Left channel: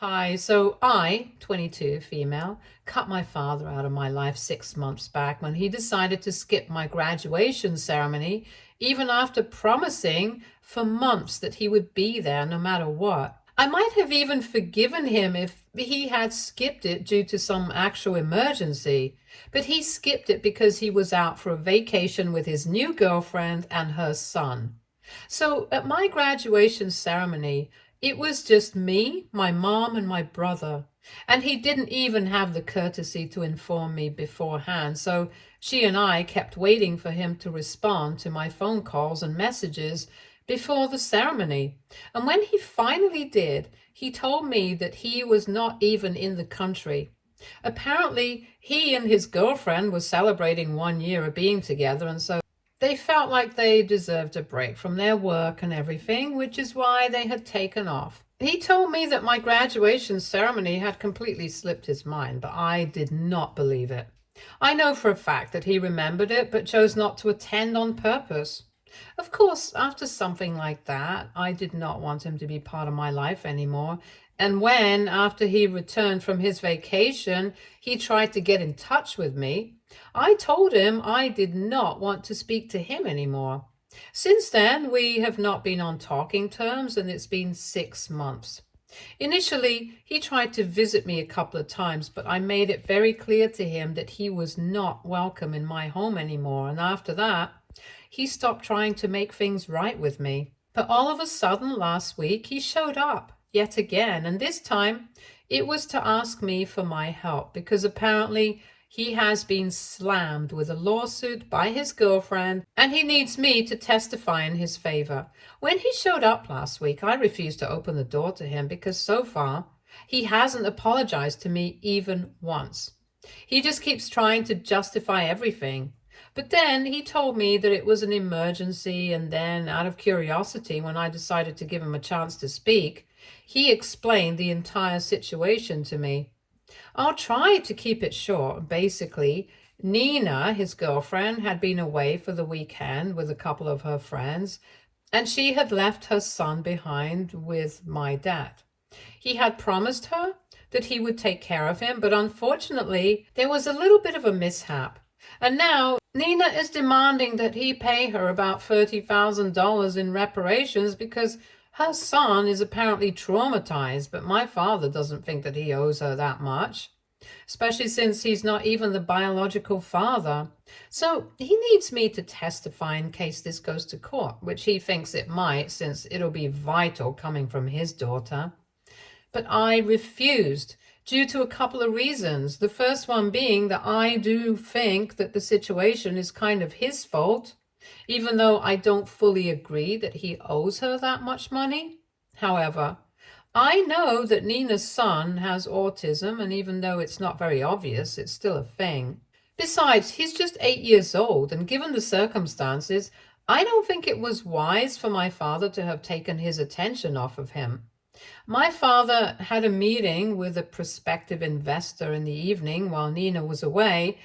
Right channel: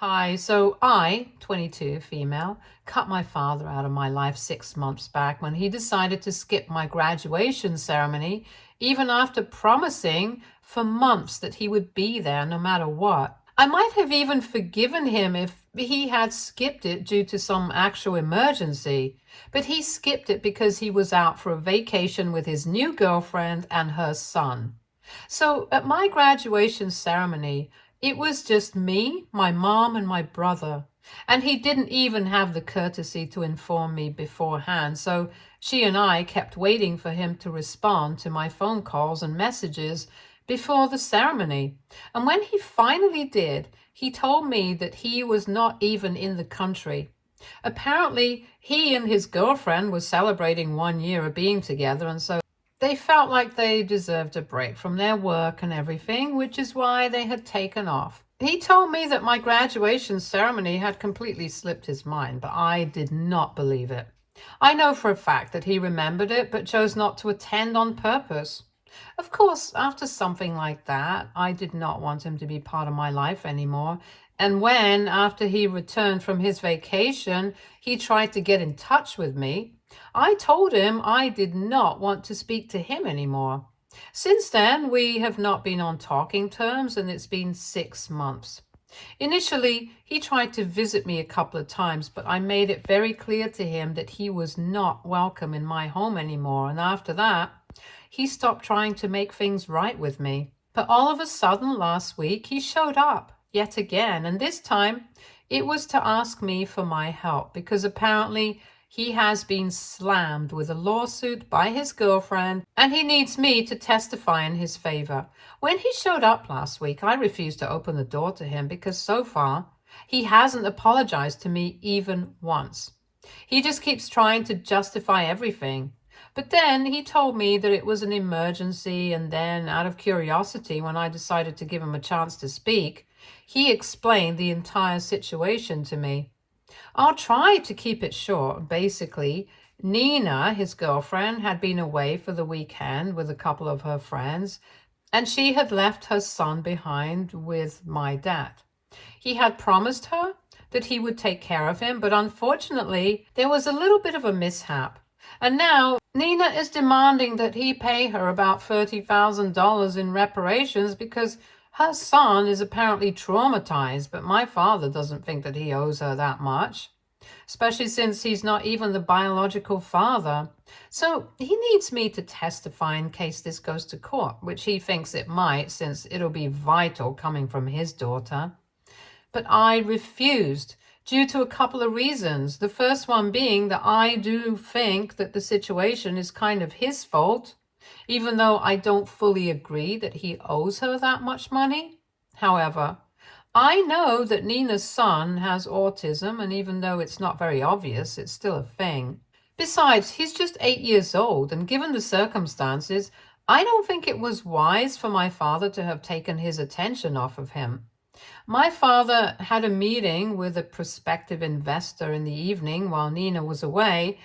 Hi, so I, 22, female, cut my father out of my life 6 months back when he decided to skip my graduation ceremony, even after promising for months that he would be there no matter what. I might have even forgiven him if he had skipped it due to some actual emergency, but he skipped it because he was out for a vacation with his new girlfriend and her son. So at my graduation ceremony, it was just me, my mom, and my brother. And he didn't even have the courtesy to inform me beforehand. So she and I kept waiting for him to respond to my phone calls and messages before the ceremony. And when he finally did, he told me that he was not even in the country. Apparently, he and his girlfriend were celebrating 1 year of being together, and so they felt like they deserved a break from their work and everything, which is why they had taken off. He told me that my graduation ceremony had completely slipped his mind, but I did not believe it. I know for a fact that he remembered it, but chose not to attend on purpose. Of course, after something like that, I did not want him to be part of my life anymore. And when, after he returned from his vacation, he tried to get in touch with me, I told him I did not want to speak to him anymore. Since then, we have not been on talking terms, and it's been 6 months. Initially, he tried to visit me a couple of times, but I made it very clear to him that he was not welcome in my home anymore. And after that, he stopped trying to make things right with me. But all of a sudden, last week, he showed up yet again, and this time it was to ask me for my help because apparently he has been slammed with a lawsuit by his girlfriend and he needs me to testify in his favor. When he showed up last week, I refused to open the door to him because so far he hasn't apologized to me even once. He just keeps trying to justify everything. But then he told me that it was an emergency, and then, out of curiosity, when I decided to give him a chance to speak, he explained the entire situation to me. I'll try to keep it short. Basically, Nina, his girlfriend, had been away for the weekend with a couple of her friends, and she had left her son behind with my dad. He had promised her that he would take care of him, but unfortunately, there was a little bit of a mishap. And now Nina is demanding that he pay her about $30,000 in reparations because her son is apparently traumatized, but my father doesn't think that he owes her that much, especially since he's not even the biological father. So he needs me to testify in case this goes to court, which he thinks it might, since it'll be vital coming from his daughter. But I refused due to a couple of reasons. The first one being that I do think that the situation is kind of his fault, even though I don't fully agree that he owes her that much money. However, I know that Nina's son has autism, and even though it's not very obvious, it's still a thing. Besides, he's just 8 years old, and given the circumstances, I don't think it was wise for my father to have taken his attention off of him. My father had a meeting with a prospective investor in the evening while Nina was away.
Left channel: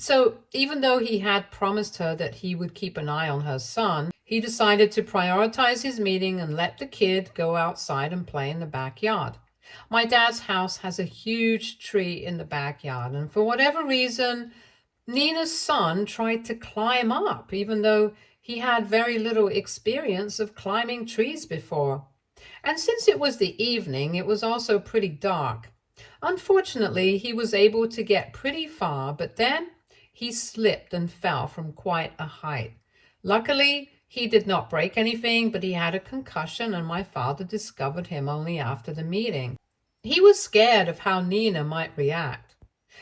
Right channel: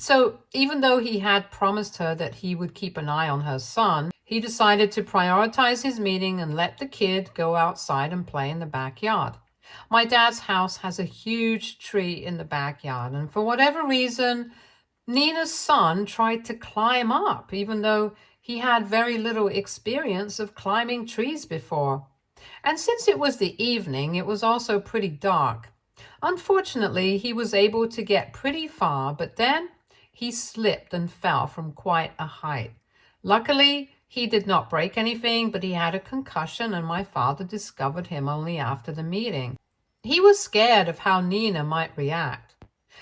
So even though he had promised her that he would keep an eye on her son, he decided to prioritize his meeting and let the kid go outside and play in the backyard. My dad's house has a huge tree in the backyard, and for whatever reason, Nina's son tried to climb up, even though he had very little experience of climbing trees before. And since it was the evening, it was also pretty dark. Unfortunately, he was able to get pretty far, but then he slipped and fell from quite a height. Luckily, he did not break anything, but he had a concussion, and my father discovered him only after the meeting. He was scared of how Nina might react.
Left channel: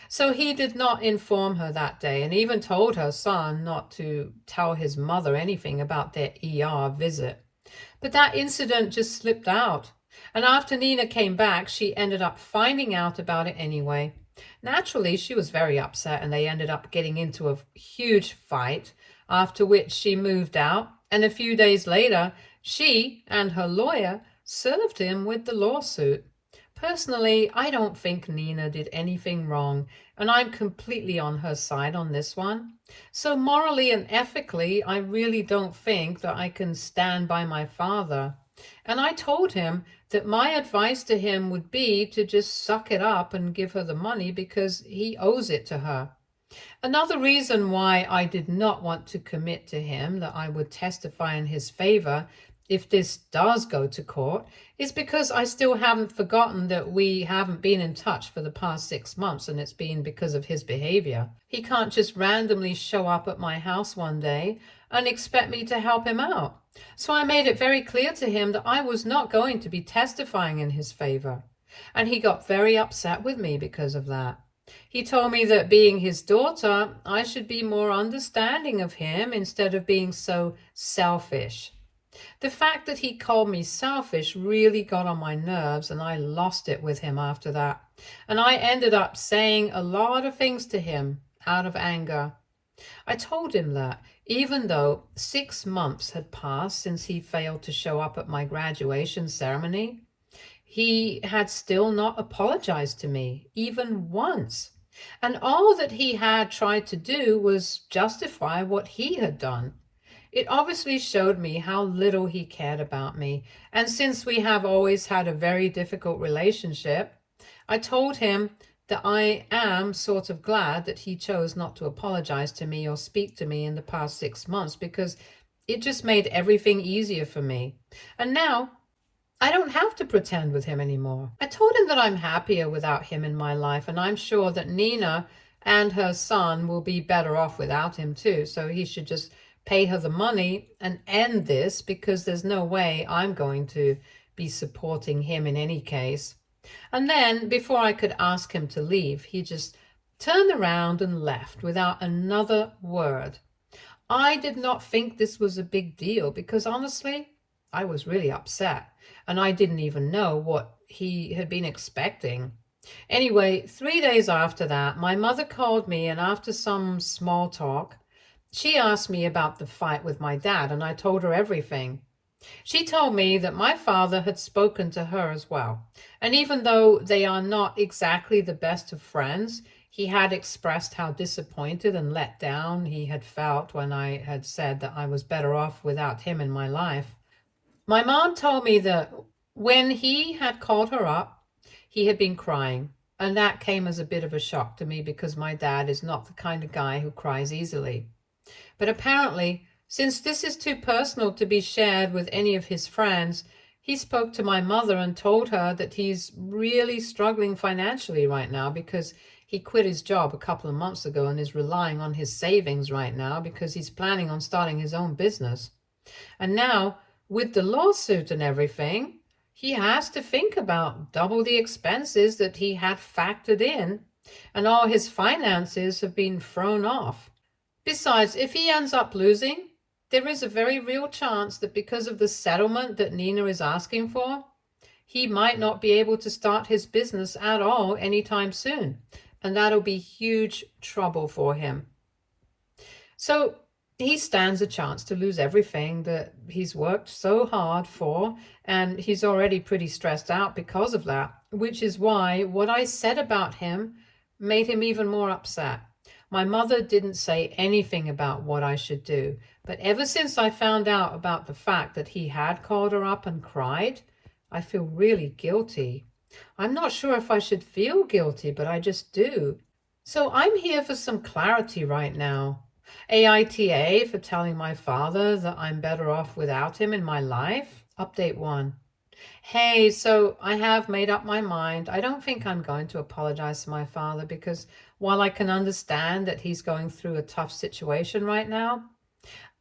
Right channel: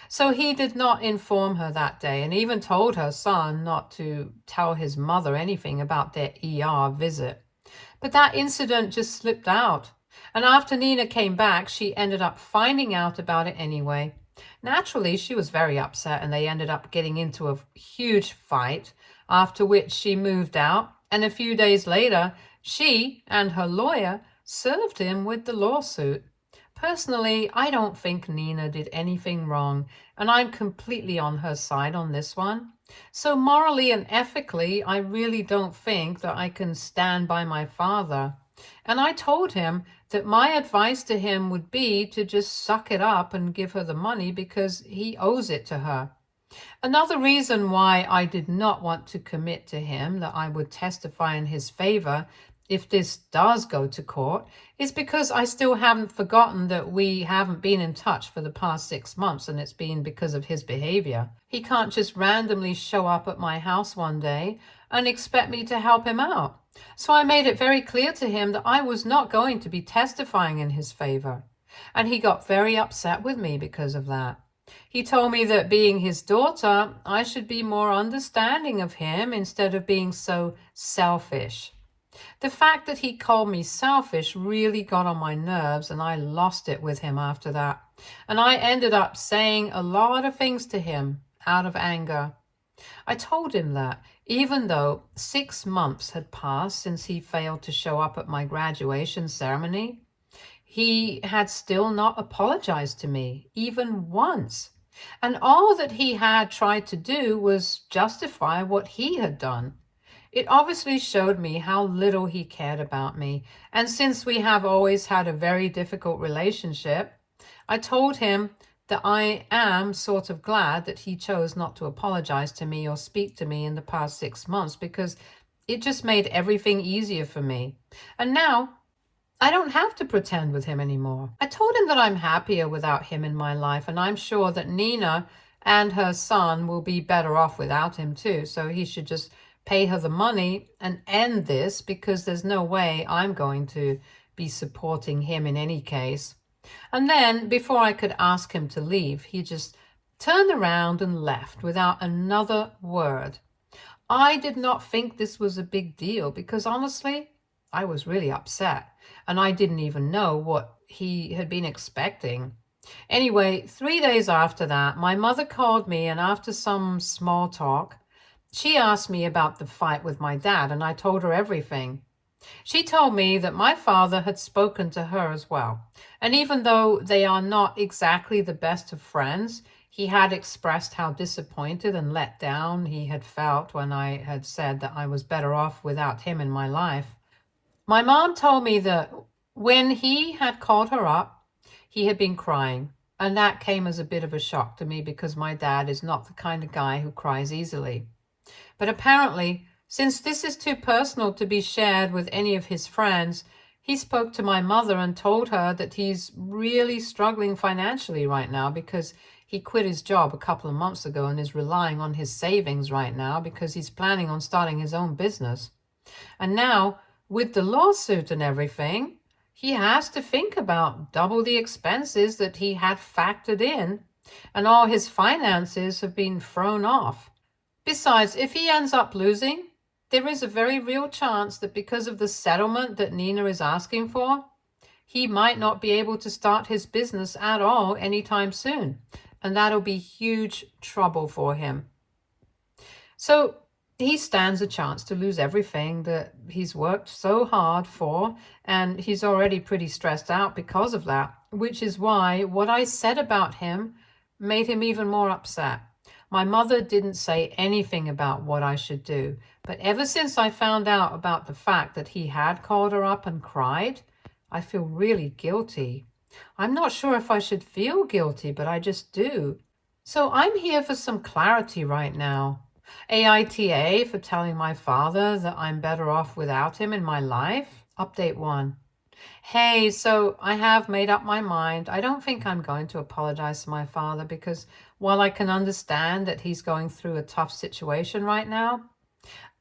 So he did not inform her that day, and even told her son not to tell his mother anything about their ER visit. But that incident just slipped out. And after Nina came back, she ended up finding out about it anyway. Naturally, she was very upset, and they ended up getting into a huge fight, after which she moved out. And a few days later, she and her lawyer served him with the lawsuit. Personally, I don't think Nina did anything wrong, and I'm completely on her side on this one. So morally and ethically, I really don't think that I can stand by my father. And I told him that my advice to him would be to just suck it up and give her the money because he owes it to her. Another reason why I did not want to commit to him that I would testify in his favor if this does go to court is because I still haven't forgotten that we haven't been in touch for the past 6 months, and it's been because of his behavior. He can't just randomly show up at my house one day and expect me to help him out. So I made it very clear to him that I was not going to be testifying in his favor. And he got very upset with me because of that. He told me that being his daughter, I should be more understanding of him instead of being so selfish. The fact that he called me selfish really got on my nerves, and I lost it with him after that. And I ended up saying a lot of things to him out of anger. I told him that even though 6 months had passed since he failed to show up at my graduation ceremony, he had still not apologized to me, even once. And all that he had tried to do was justify what he had done. It obviously showed me how little he cared about me. And since we have always had a very difficult relationship, I told him that I am sort of glad that he chose not to apologize to me or speak to me in the past 6 months, because it just made everything easier for me. And now I don't have to pretend with him anymore. I told him that I'm happier without him in my life, and I'm sure that Nina and her son will be better off without him too. So he should just pay her the money and end this, because there's no way I'm going to be supporting him in any case. And then before I could ask him to leave, he just turned around and left without another word. I did not think this was a big deal because honestly, I was really upset and I didn't even know what he had been expecting. Anyway, 3 days after that, my mother called me, and after some small talk, she asked me about the fight with my dad, and I told her everything. She told me that my father had spoken to her as well. And even though they are not exactly the best of friends, he had expressed how disappointed and let down he had felt when I had said that I was better off without him in my life. My mom told me that when he had called her up, he had been crying. And that came as a bit of a shock to me because my dad is not the kind of guy who cries easily. But apparently, since this is too personal to be shared with any of his friends, he spoke to my mother and told her that he's really struggling financially right now because he quit his job a couple of months ago and is relying on his savings right now because he's planning on starting his own business. And now, with the lawsuit and everything, he has to think about double the expenses that he had factored in, and all his finances have been thrown off. Besides, if he ends up losing, there is a very real chance that because of the settlement that Nina is asking for, he might not be able to start his business at all anytime soon. And that'll be huge trouble for him. So he stands a chance to lose everything that he's worked so hard for, and he's already pretty stressed out because of that, which is why what I said about him made him even more upset. My mother didn't say anything about what I should do, but ever since I found out about the fact that he had called her up and cried, I feel really guilty. I'm not sure if I should feel guilty, but I just do. So I'm here for some clarity right now. AITA for telling my father that I'm better off without him in my life. Update 1. Hey, so I have made up my mind. I don't think I'm going to apologize to my father because while I can understand that he's going through a tough situation right now,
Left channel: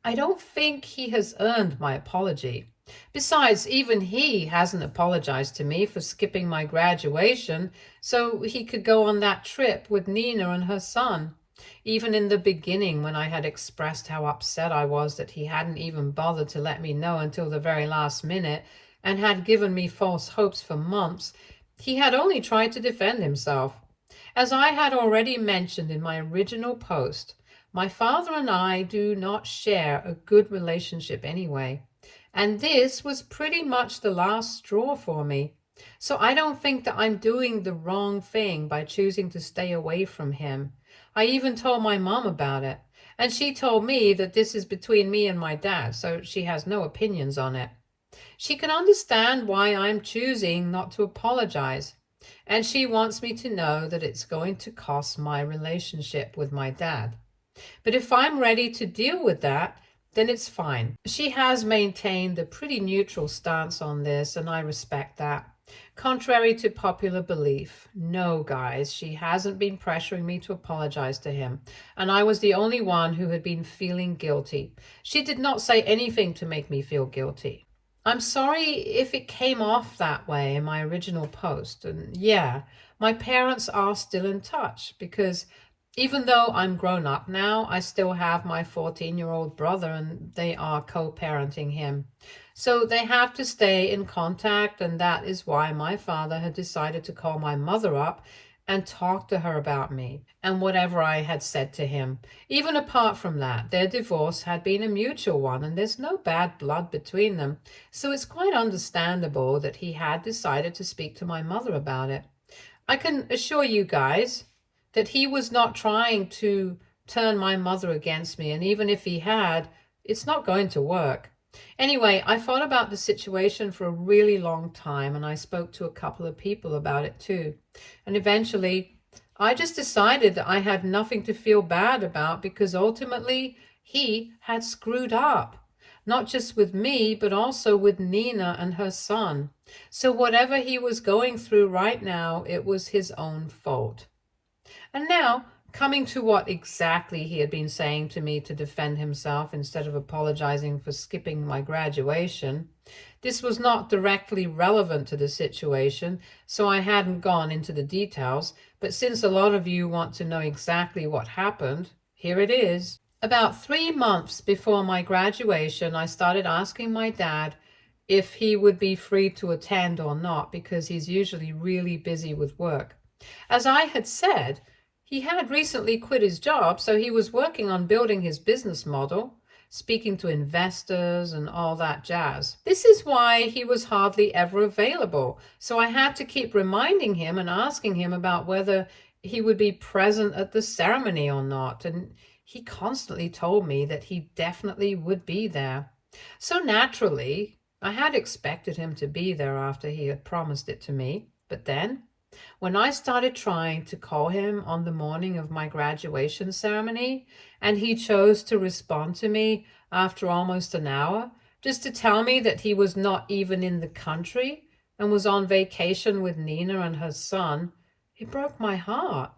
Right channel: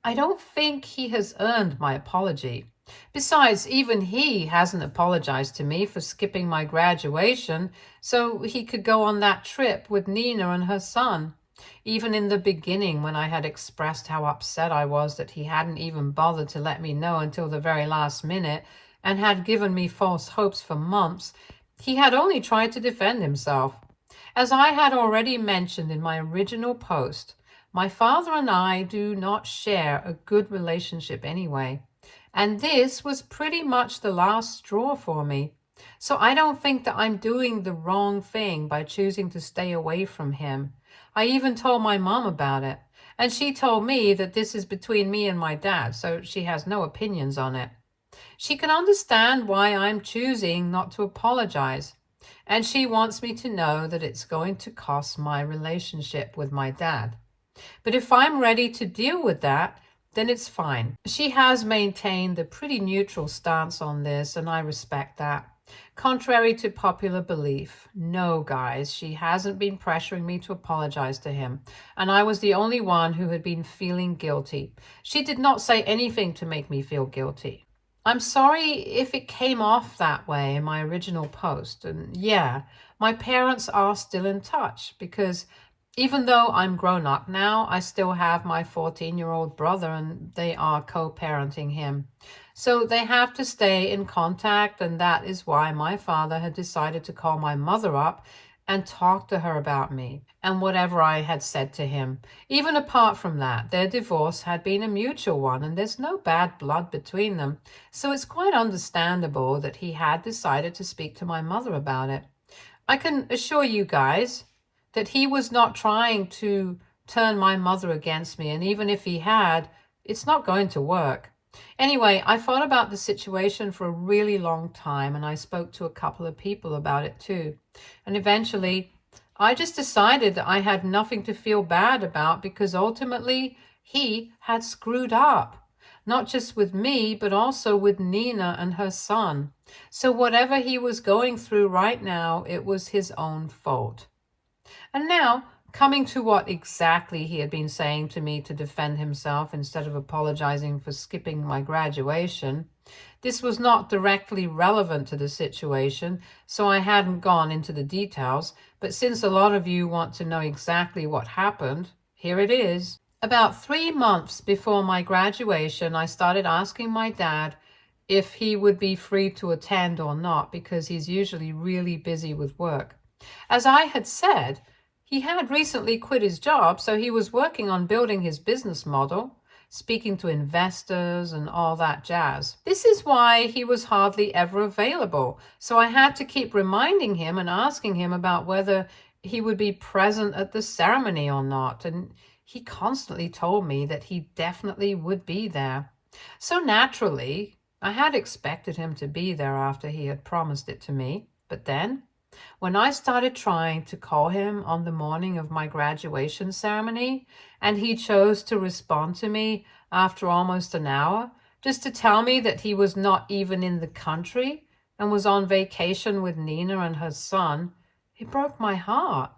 I don't think he has earned my apology. Besides, even he hasn't apologized to me for skipping my graduation so he could go on that trip with Nina and her son. Even in the beginning, when I had expressed how upset I was that he hadn't even bothered to let me know until the very last minute and had given me false hopes for months, he had only tried to defend himself. As I had already mentioned in my original post, my father and I do not share a good relationship anyway. And this was pretty much the last straw for me. So I don't think that I'm doing the wrong thing by choosing to stay away from him. I even told my mom about it. And she told me that this is between me and my dad, so she has no opinions on it. She can understand why I'm choosing not to apologize. And she wants me to know that it's going to cost my relationship with my dad. But if I'm ready to deal with that, then it's fine. She has maintained a pretty neutral stance on this, and I respect that. Contrary to popular belief, no, guys, she hasn't been pressuring me to apologize to him, and I was the only one who had been feeling guilty. She did not say anything to make me feel guilty. I'm sorry if it came off that way in my original post, and yeah, my parents are still in touch because even though I'm grown up now, I still have my 14-year-old brother and they are co-parenting him. So they have to stay in contact, and that is why my father had decided to call my mother up and talk to her about me and whatever I had said to him. Even apart from that, their divorce had been a mutual one and there's no bad blood between them. So it's quite understandable that he had decided to speak to my mother about it. I can assure you guys that he was not trying to turn my mother against me, and even if he had, it's not going to work. Anyway, I thought about the situation for a really long time, and I spoke to a couple of people about it too. And eventually, I just decided that I had nothing to feel bad about because ultimately he had screwed up. Not just with me, but also with Nina and her son. So whatever he was going through right now, it was his own fault. And now, coming to what exactly he had been saying to me to defend himself instead of apologizing for skipping my graduation, this was not directly relevant to the situation, so I hadn't gone into the details, but since a lot of you want to know exactly what happened, here it is. About 3 months before my graduation, I started asking my dad if he would be free to attend or not because he's usually really busy with work. As I had said, he had recently quit his job, so he was working on building his business model, speaking to investors and all that jazz. This is why he was hardly ever available, so I had to keep reminding him and asking him about whether he would be present at the ceremony or not, and he constantly told me that he definitely would be there. So naturally, I had expected him to be there after he had promised it to me, but then when I started trying to call him on the morning of my graduation ceremony, and he chose to respond to me after almost an hour, just to tell me that he was not even in the country and was on vacation with Nina and her son, it broke my heart.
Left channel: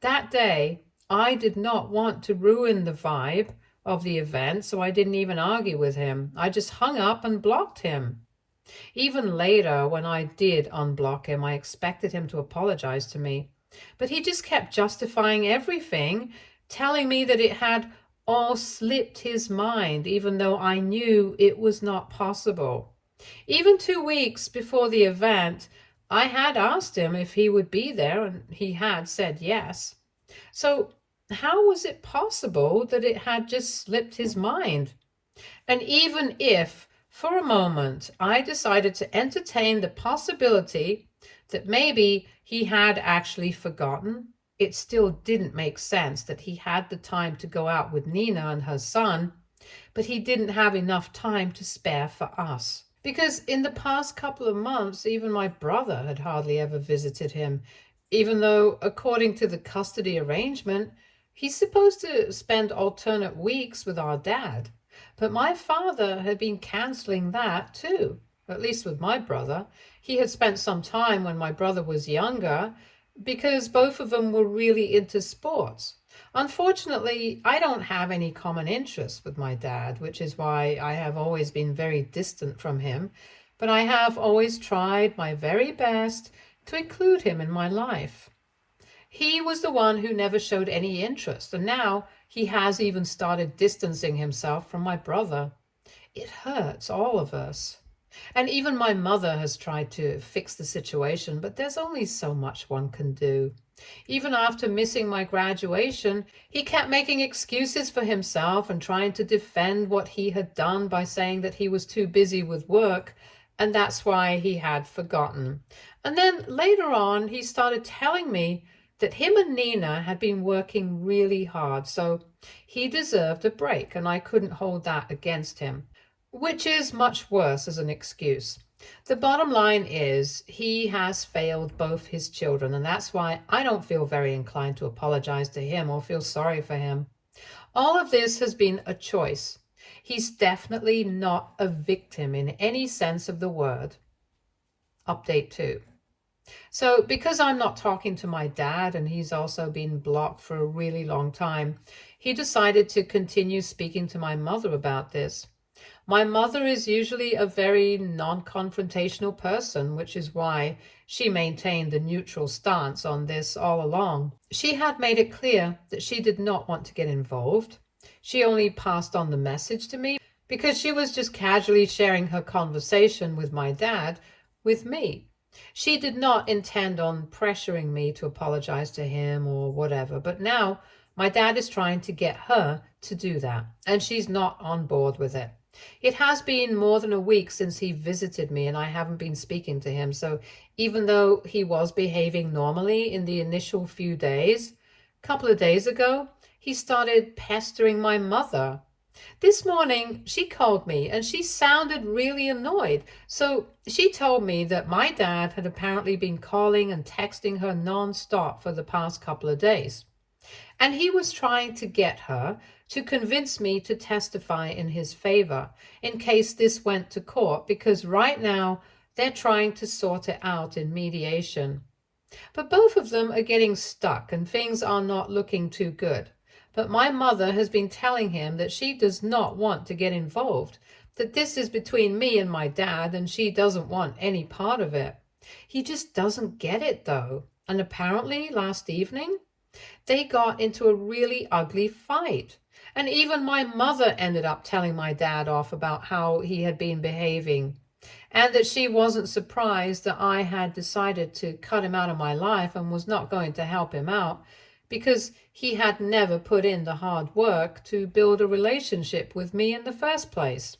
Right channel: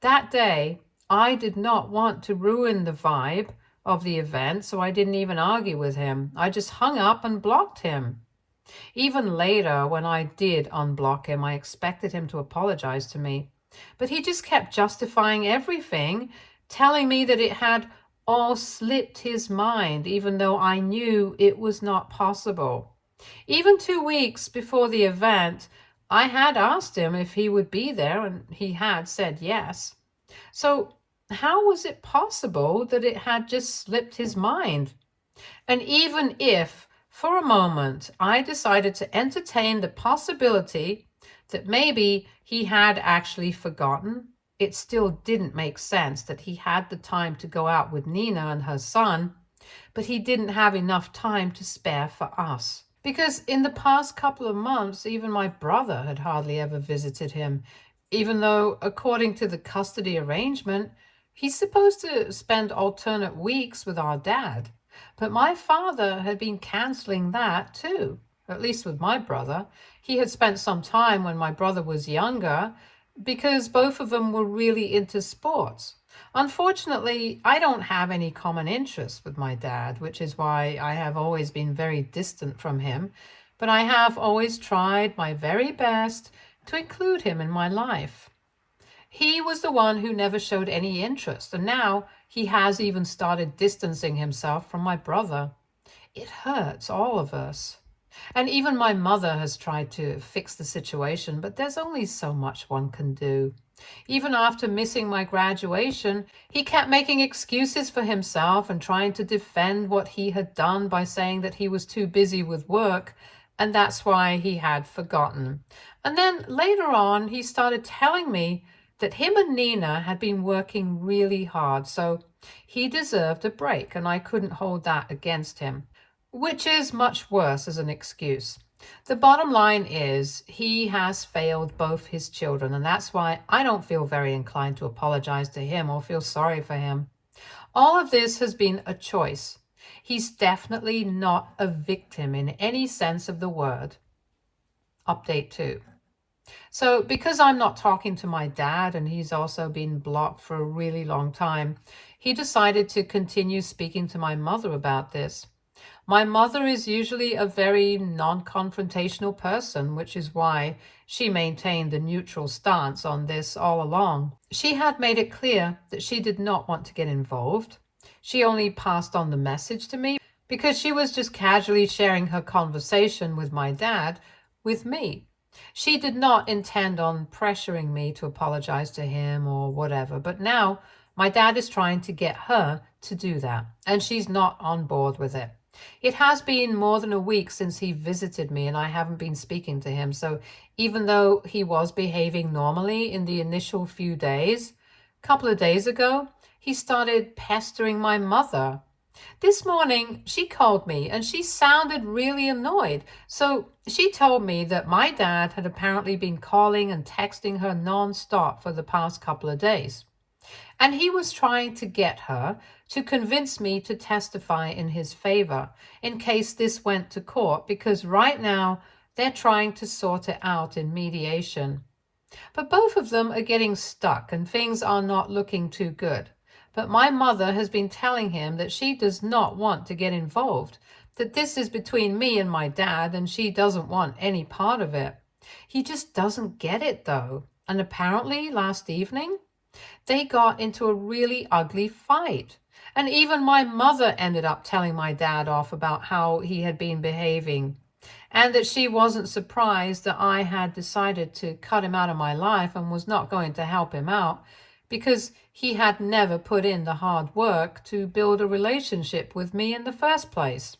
That day, I did not want to ruin the vibe of the event, so I didn't even argue with him. I just hung up and blocked him. Even later, when I did unblock him, I expected him to apologize to me. But he just kept justifying everything, telling me that it had all slipped his mind, even though I knew it was not possible. Even 2 weeks before the event, I had asked him if he would be there, and he had said yes. So how was it possible that it had just slipped his mind? And even if for a moment I decided to entertain the possibility that maybe he had actually forgotten, it still didn't make sense that he had the time to go out with Nina and her son, but he didn't have enough time to spare for us. Because in the past couple of months, even my brother had hardly ever visited him, even though, according to the custody arrangement, he's supposed to spend alternate weeks with our dad. But my father had been canceling that too, at least with my brother. He had spent some time when my brother was younger because both of them were really into sports. Unfortunately, I don't have any common interests with my dad, which is why I have always been very distant from him, but I have always tried my very best to include him in my life. He was the one who never showed any interest, and now he has even started distancing himself from my brother. It hurts all of us. And even my mother has tried to fix the situation, but there's only so much one can do. Even after missing my graduation, he kept making excuses for himself and trying to defend what he had done by saying that he was too busy with work, and that's why he had forgotten. And then later on, he started telling me that him and Nina had been working really hard, so he deserved a break, and I couldn't hold that against him. which is much worse as an excuse. The bottom line is he has failed both his children, and that's why I don't feel very inclined to apologize to him or feel sorry for him. All of this has been a choice. He's definitely not a victim in any sense of the word. Update 2. So because I'm not talking to my dad and he's also been blocked for a really long time, he decided to continue speaking to my mother about this. My mother is usually a very non-confrontational person, which is why she maintained a neutral stance on this all along. She had made it clear that she did not want to get involved. She only passed on the message to me because she was just casually sharing her conversation with my dad with me. She did not intend on pressuring me to apologize to him or whatever, but now my dad is trying to get her to do that, and she's not on board with it. It has been more than a week since he visited me and I haven't been speaking to him, so even though he was behaving normally in the initial few days, a couple of days ago, he started pestering my mother. This morning, she called me and she sounded really annoyed. So she told me that my dad had apparently been calling and texting her nonstop for the past couple of days. And he was trying to get her to convince me to testify in his favor in case this went to court, because right now they're trying to sort it out in mediation. But both of them are getting stuck and things are not looking too good. But my mother has been telling him that she does not want to get involved, that this is between me and my dad and she doesn't want any part of it. He just doesn't get it though. And apparently last evening, they got into a really ugly fight. And even my mother ended up telling my dad off about how he had been behaving, and that she wasn't surprised that I had decided to cut him out of my life and was not going to help him out because he had never put in the hard work to build a relationship with me in the first place.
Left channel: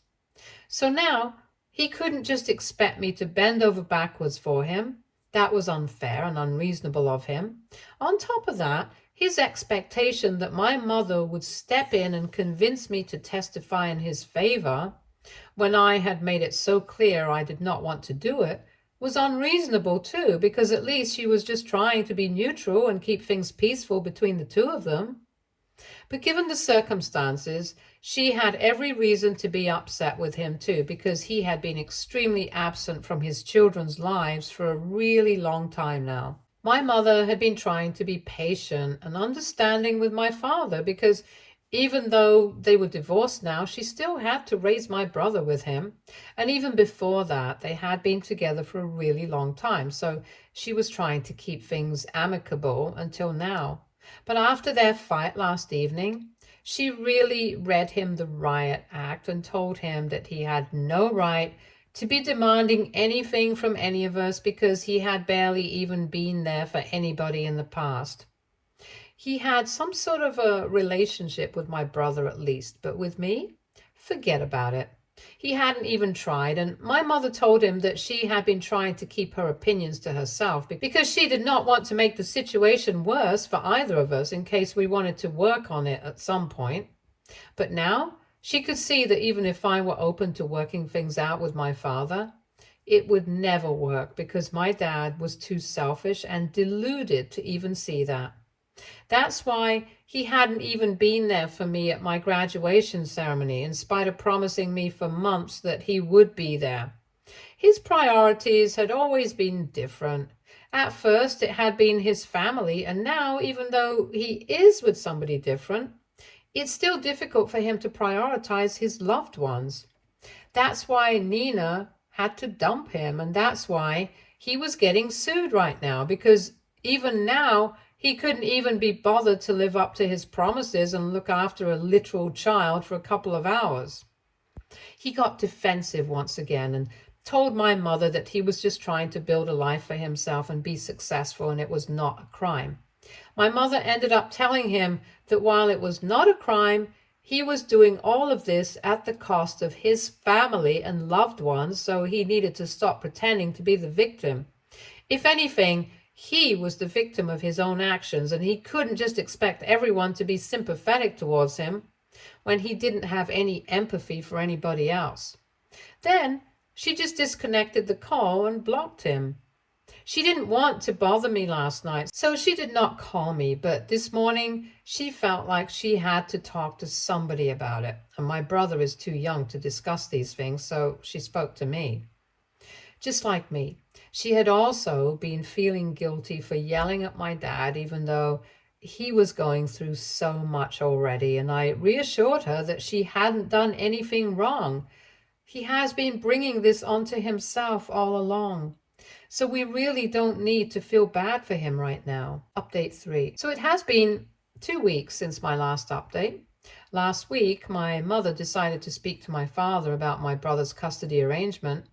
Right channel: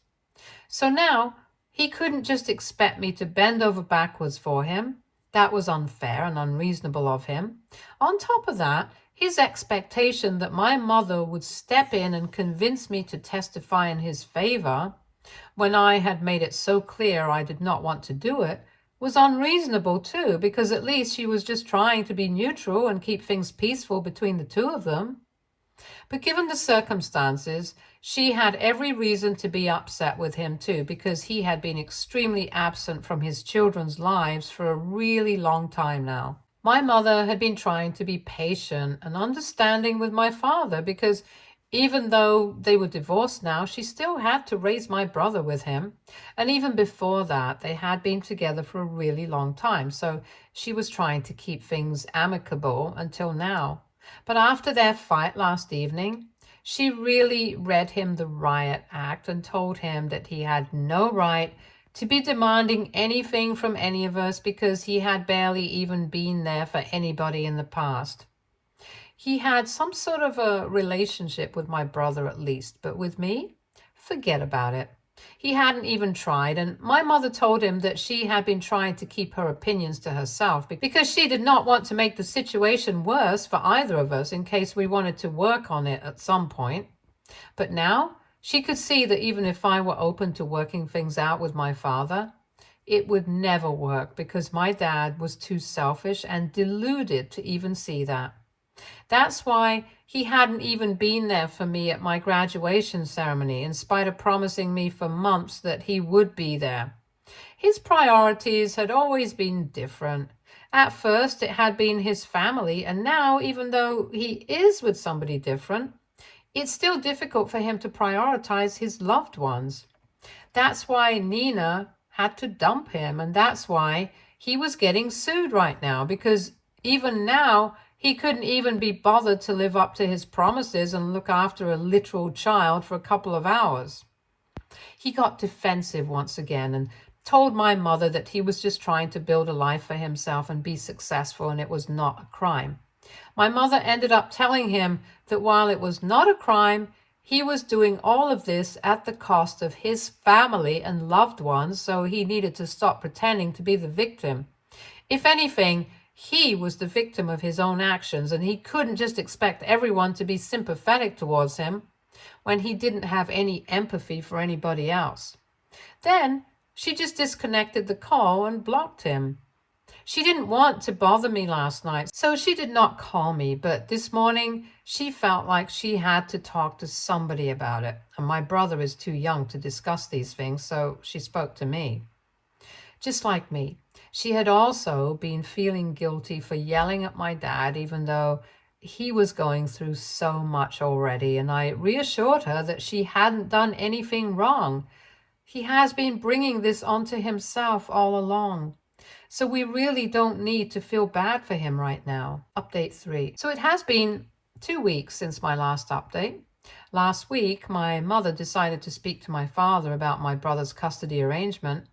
So now he couldn't just expect me to bend over backwards for him. That was unfair and unreasonable of him. On top of that, his expectation that my mother would step in and convince me to testify in his favor when I had made it so clear I did not want to do it was unreasonable too, because at least she was just trying to be neutral and keep things peaceful between the two of them. But given the circumstances, she had every reason to be upset with him too, because he had been extremely absent from his children's lives for a really long time now. My mother had been trying to be patient and understanding with my father because even though they were divorced now, she still had to raise my brother with him. And even before that, they had been together for a really long time. So she was trying to keep things amicable until now. But after their fight last evening, she really read him the riot act and told him that he had no right to be demanding anything from any of us because he had barely even been there for anybody in the past. He had some sort of a relationship with my brother at least, but with me, forget about it. He hadn't even tried, and my mother told him that she had been trying to keep her opinions to herself because she did not want to make the situation worse for either of us in case we wanted to work on it at some point. But now she could see that even if I were open to working things out with my father, it would never work because my dad was too selfish and deluded to even see that. That's why he hadn't even been there for me at my graduation ceremony, in spite of promising me for months that he would be there. His priorities had always been different. At first, it had been his family, and now, even though he is with somebody different, it's still difficult for him to prioritize his loved ones. That's why Nina had to dump him, and that's why he was getting sued right now, because even now, he couldn't even be bothered to live up to his promises and look after a literal child for a couple of hours. He got defensive once again and told my mother that he was just trying to build a life for himself and be successful, and it was not a crime. My mother ended up telling him that while it was not a crime, he was doing all of this at the cost of his family and loved ones, so he needed to stop pretending to be the victim. If anything, he was the victim of his own actions, and he couldn't just expect everyone to be sympathetic towards him when he didn't have any empathy for anybody else. Then she just disconnected the call and blocked him. She didn't want to bother me last night, so she did not call me, but this morning she felt like she had to talk to somebody about it. And my brother is too young to discuss these things, so she spoke to me. Just like me, she had also been feeling guilty for yelling at my dad, even though he was going through so much already. And I reassured her that she hadn't done anything wrong. He has been bringing this onto himself all along. So we really don't need to feel bad for him right now. Update 3. So it has been 2 weeks since my last update. Last week, my mother decided to speak to my father about my brother's custody arrangement.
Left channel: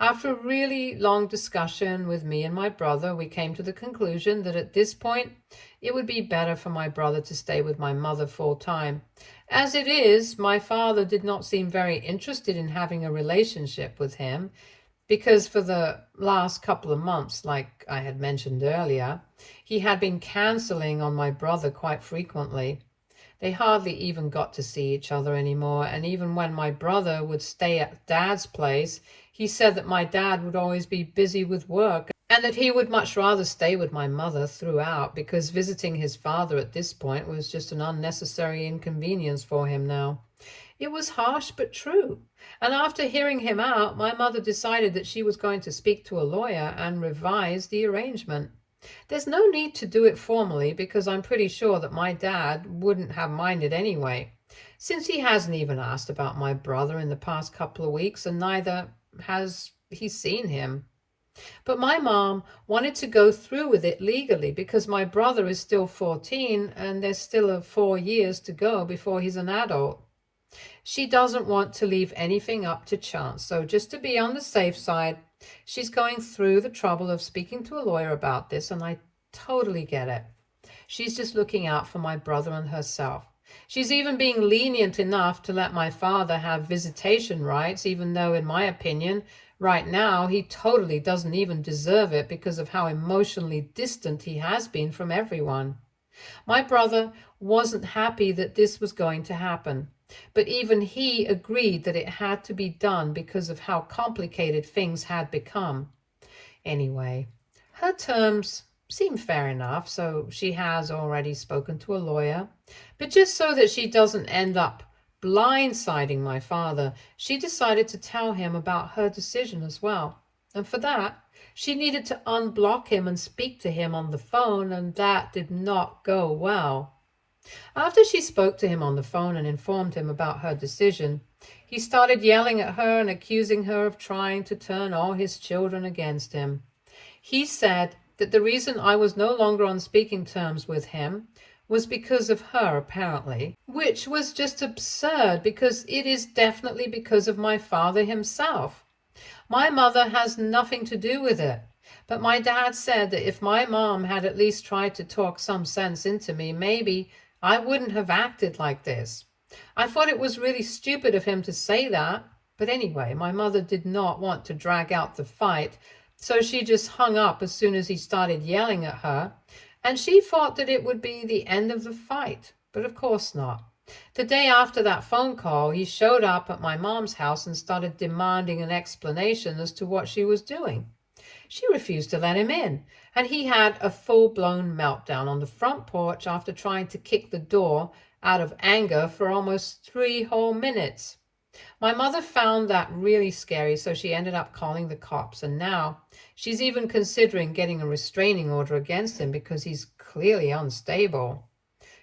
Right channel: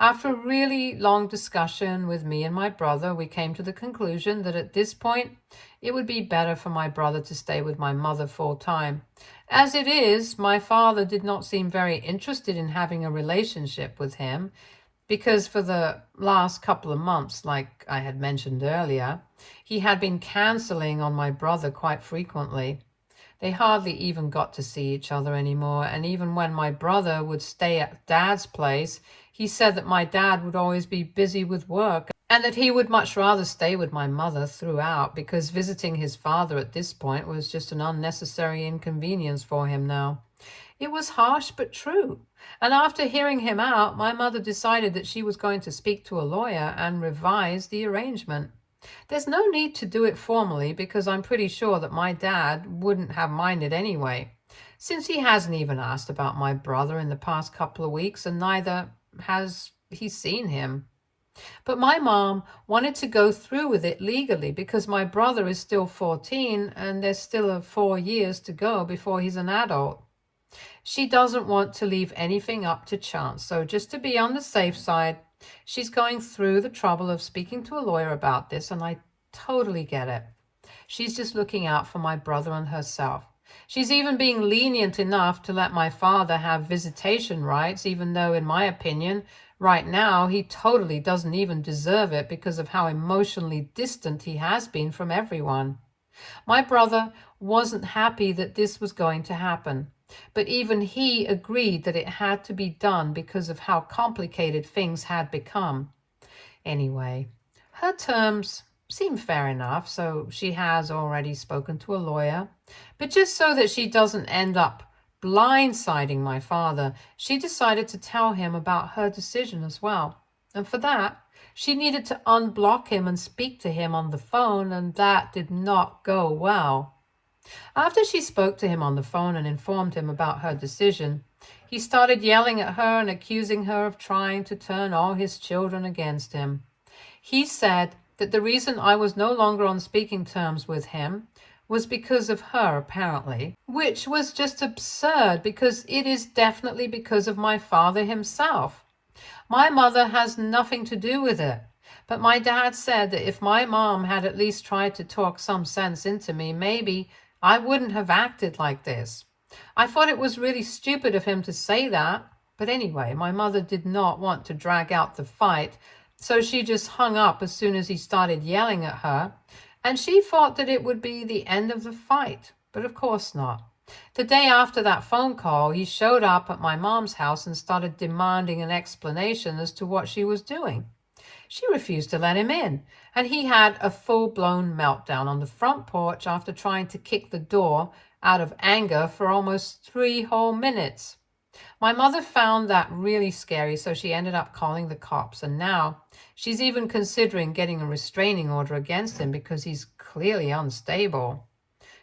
After a really long discussion with me and my brother, we came to the conclusion that at this point, it would be better for my brother to stay with my mother full time. As it is, my father did not seem very interested in having a relationship with him because for the last couple of months, like I had mentioned earlier, he had been canceling on my brother quite frequently. They hardly even got to see each other anymore, and even when my brother would stay at Dad's place, he said that my dad would always be busy with work and that he would much rather stay with my mother throughout because visiting his father at this point was just an unnecessary inconvenience for him now. It was harsh but true. And after hearing him out, my mother decided that she was going to speak to a lawyer and revise the arrangement. There's no need to do it formally because I'm pretty sure that my dad wouldn't have minded anyway, since he hasn't even asked about my brother in the past couple of weeks and neither has he seen him. But my mom wanted to go through with it legally because my brother is still 14 and there's still 4 years to go before he's an adult. She doesn't want to leave anything up to chance, so just to be on the safe side, she's going through the trouble of speaking to a lawyer about this, and I totally get it. She's just looking out for my brother and herself. She's even being lenient enough to let my father have visitation rights, even though, in my opinion, right now, he totally doesn't even deserve it because of how emotionally distant he has been from everyone. My brother wasn't happy that this was going to happen, but even he agreed that it had to be done because of how complicated things had become. Anyway, her terms seem fair enough, so she has already spoken to a lawyer. But just so that she doesn't end up blindsiding my father, she decided to tell him about her decision as well. And for that, she needed to unblock him and speak to him on the phone, and that did not go well. After she spoke to him on the phone and informed him about her decision, he started yelling at her and accusing her of trying to turn all his children against him. He said that the reason I was no longer on speaking terms with him was because of her, apparently, which was just absurd because it is definitely because of my father himself. My mother has nothing to do with it. But my dad said that if my mom had at least tried to talk some sense into me, maybe I wouldn't have acted like this. I thought it was really stupid of him to say that. But anyway, my mother did not want to drag out the fight, so she just hung up as soon as he started yelling at her, and she thought that it would be the end of the fight. But of course not. The day after that phone call, he showed up at my mom's house and started demanding an explanation as to what she was doing. She refused to let him in, and he had a full-blown meltdown on the front porch after trying to kick the door out of anger for almost 3 whole minutes. My mother found that really scary, so she ended up calling the cops, and now she's even considering getting a restraining order against him because he's clearly unstable.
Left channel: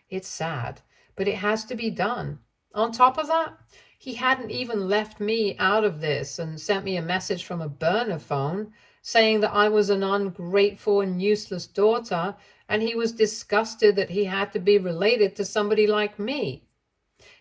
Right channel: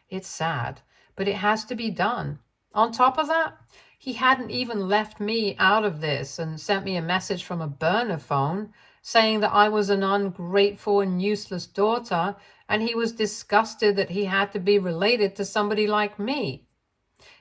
It's sad, but it has to be done. On top of that, he hadn't even left me out of this and sent me a message from a burner phone saying that I was an ungrateful and useless daughter, and he was disgusted that he had to be related to somebody like me.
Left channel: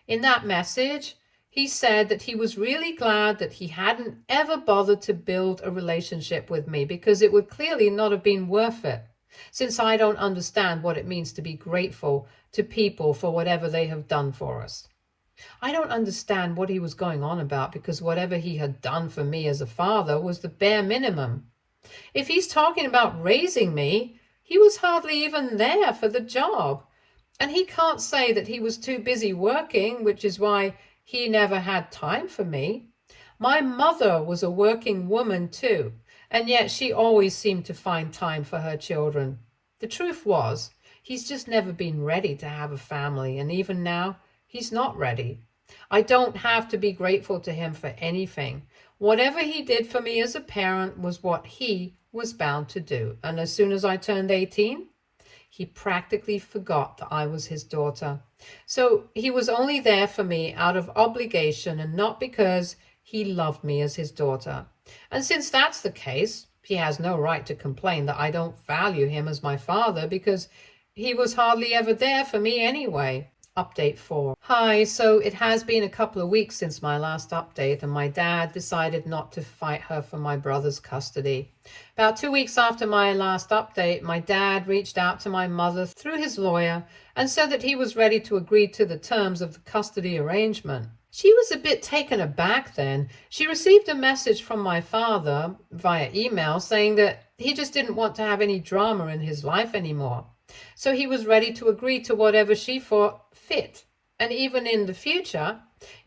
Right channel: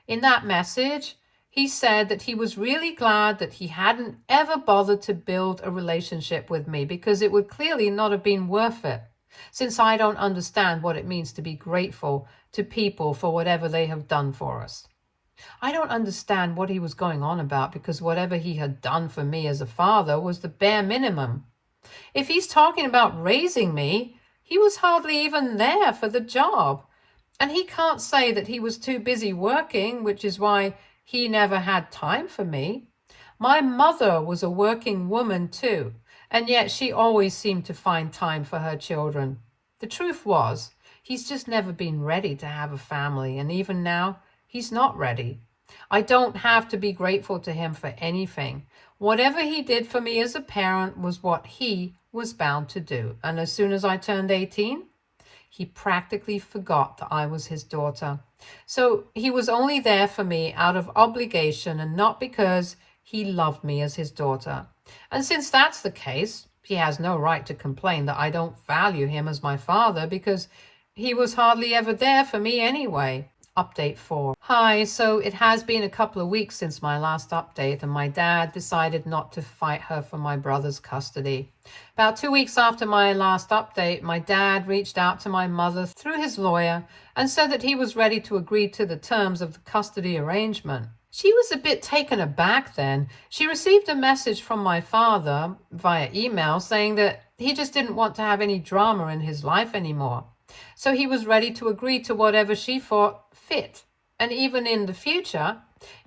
In that message, he said that he was really glad that he hadn't ever bothered to build a relationship with me because it would clearly not have been worth it, since I don't understand what it means to be grateful to people for whatever they have done for us. I don't understand what he was going on about because whatever he had done for me as a father was the bare minimum. If he's talking about raising me, he was hardly even there for the job. And he can't say that he was too busy working, which is why he never had time for me. My mother was a working woman too, and yet she always seemed to find time for her children. The truth was, he's just never been ready to have a family, and even now, he's not ready. I don't have to be grateful to him for anything. Whatever he did for me as a parent was what he was bound to do. And as soon as I turned 18, he practically forgot that I was his daughter. So he was only there for me out of obligation and not because he loved me as his daughter. And since that's the case, he has no right to complain that I don't value him as my father because he was hardly ever there for me anyway. Update 4. Hi, so it has been a couple of weeks since my last update, and my dad decided not to fight her for my brother's custody. About 2 weeks after my last update, my dad reached out to my mother through his lawyer and said that he was ready to agree to the terms of the custody arrangement. She was a bit taken aback then. She received a message from my father via email saying that he just didn't want to have any drama in his life anymore. So he was ready to agree to whatever she thought fit. And even in the future,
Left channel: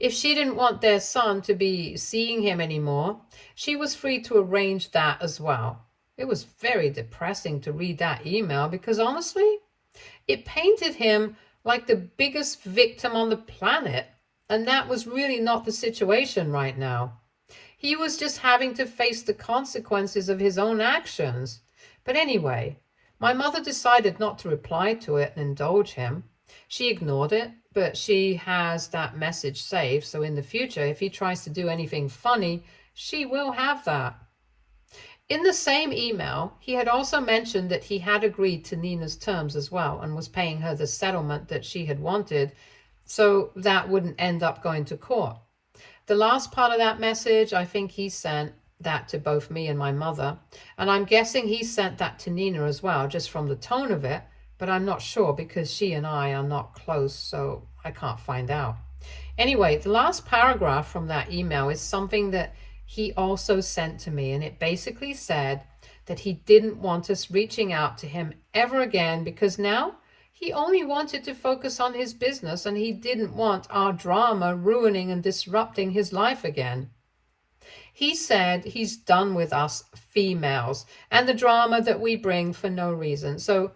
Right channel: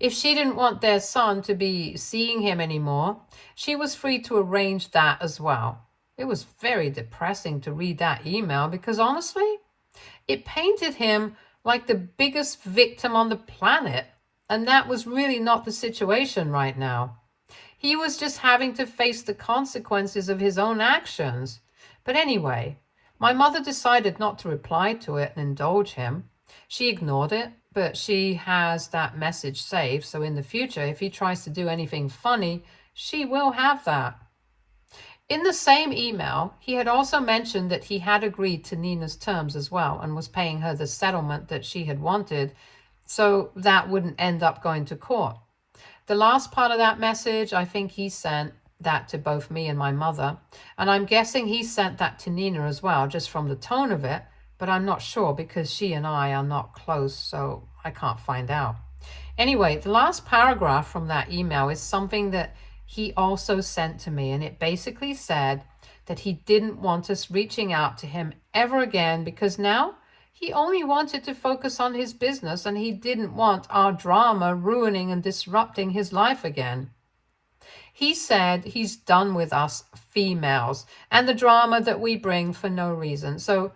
if she didn't want their son to be seeing him anymore, she was free to arrange that as well. It was very depressing to read that email because honestly, it painted him like the biggest victim on the planet. And that was really not the situation right now. He was just having to face the consequences of his own actions. But anyway, my mother decided not to reply to it and indulge him. She ignored it, but she has that message saved, so in the future, if he tries to do anything funny, she will have that. In the same email, he had also mentioned that he had agreed to Nina's terms as well and was paying her the settlement that she had wanted, so that wouldn't end up going to court. The last part of that message, I think he sent that to both me and my mother, and I'm guessing he sent that to Nina as well, just from the tone of it, but I'm not sure because she and I are not close, so I can't find out. Anyway, the last paragraph from that email is something that he also sent to me, and it basically said that he didn't want us reaching out to him ever again because now he only wanted to focus on his business and he didn't want our drama ruining and disrupting his life again. He said he's done with us females and the drama that we bring for no reason. So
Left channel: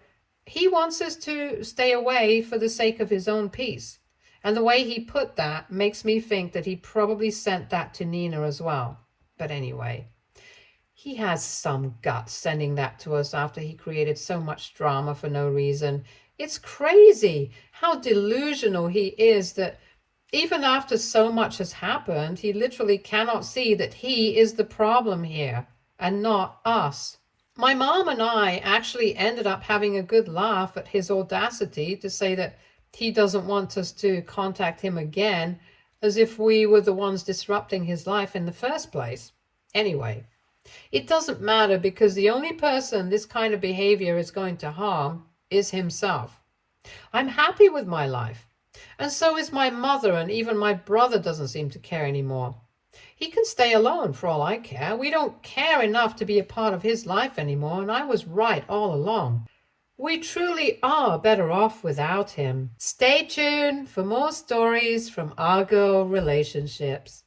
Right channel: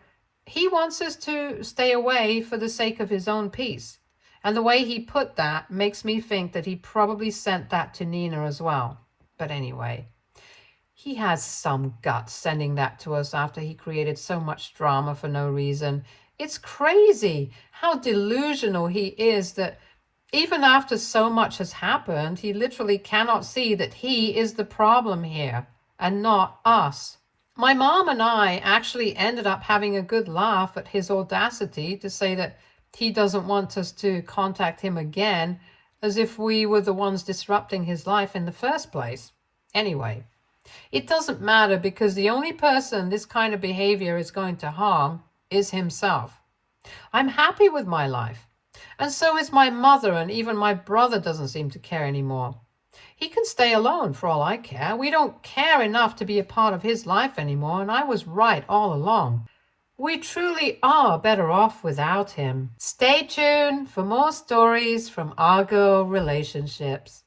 he wants us to stay away for the sake of his own peace. And the way he put that makes me think that he probably sent that to Nina as well. But anyway, he has some guts sending that to us after he created so much drama for no reason. It's crazy how delusional he is that even after so much has happened, he literally cannot see that he is the problem here and not us. My mom and I actually ended up having a good laugh at his audacity to say that he doesn't want us to contact him again, as if we were the ones disrupting his life in the first place. Anyway, it doesn't matter because the only person this kind of behavior is going to harm is himself. I'm happy with my life, and so is my mother, and even my brother doesn't seem to care anymore. He can stay alone for all I care. We don't care enough to be a part of his life anymore, and I was right all along. We truly are better off without him. Stay tuned for more stories from our girl relationships.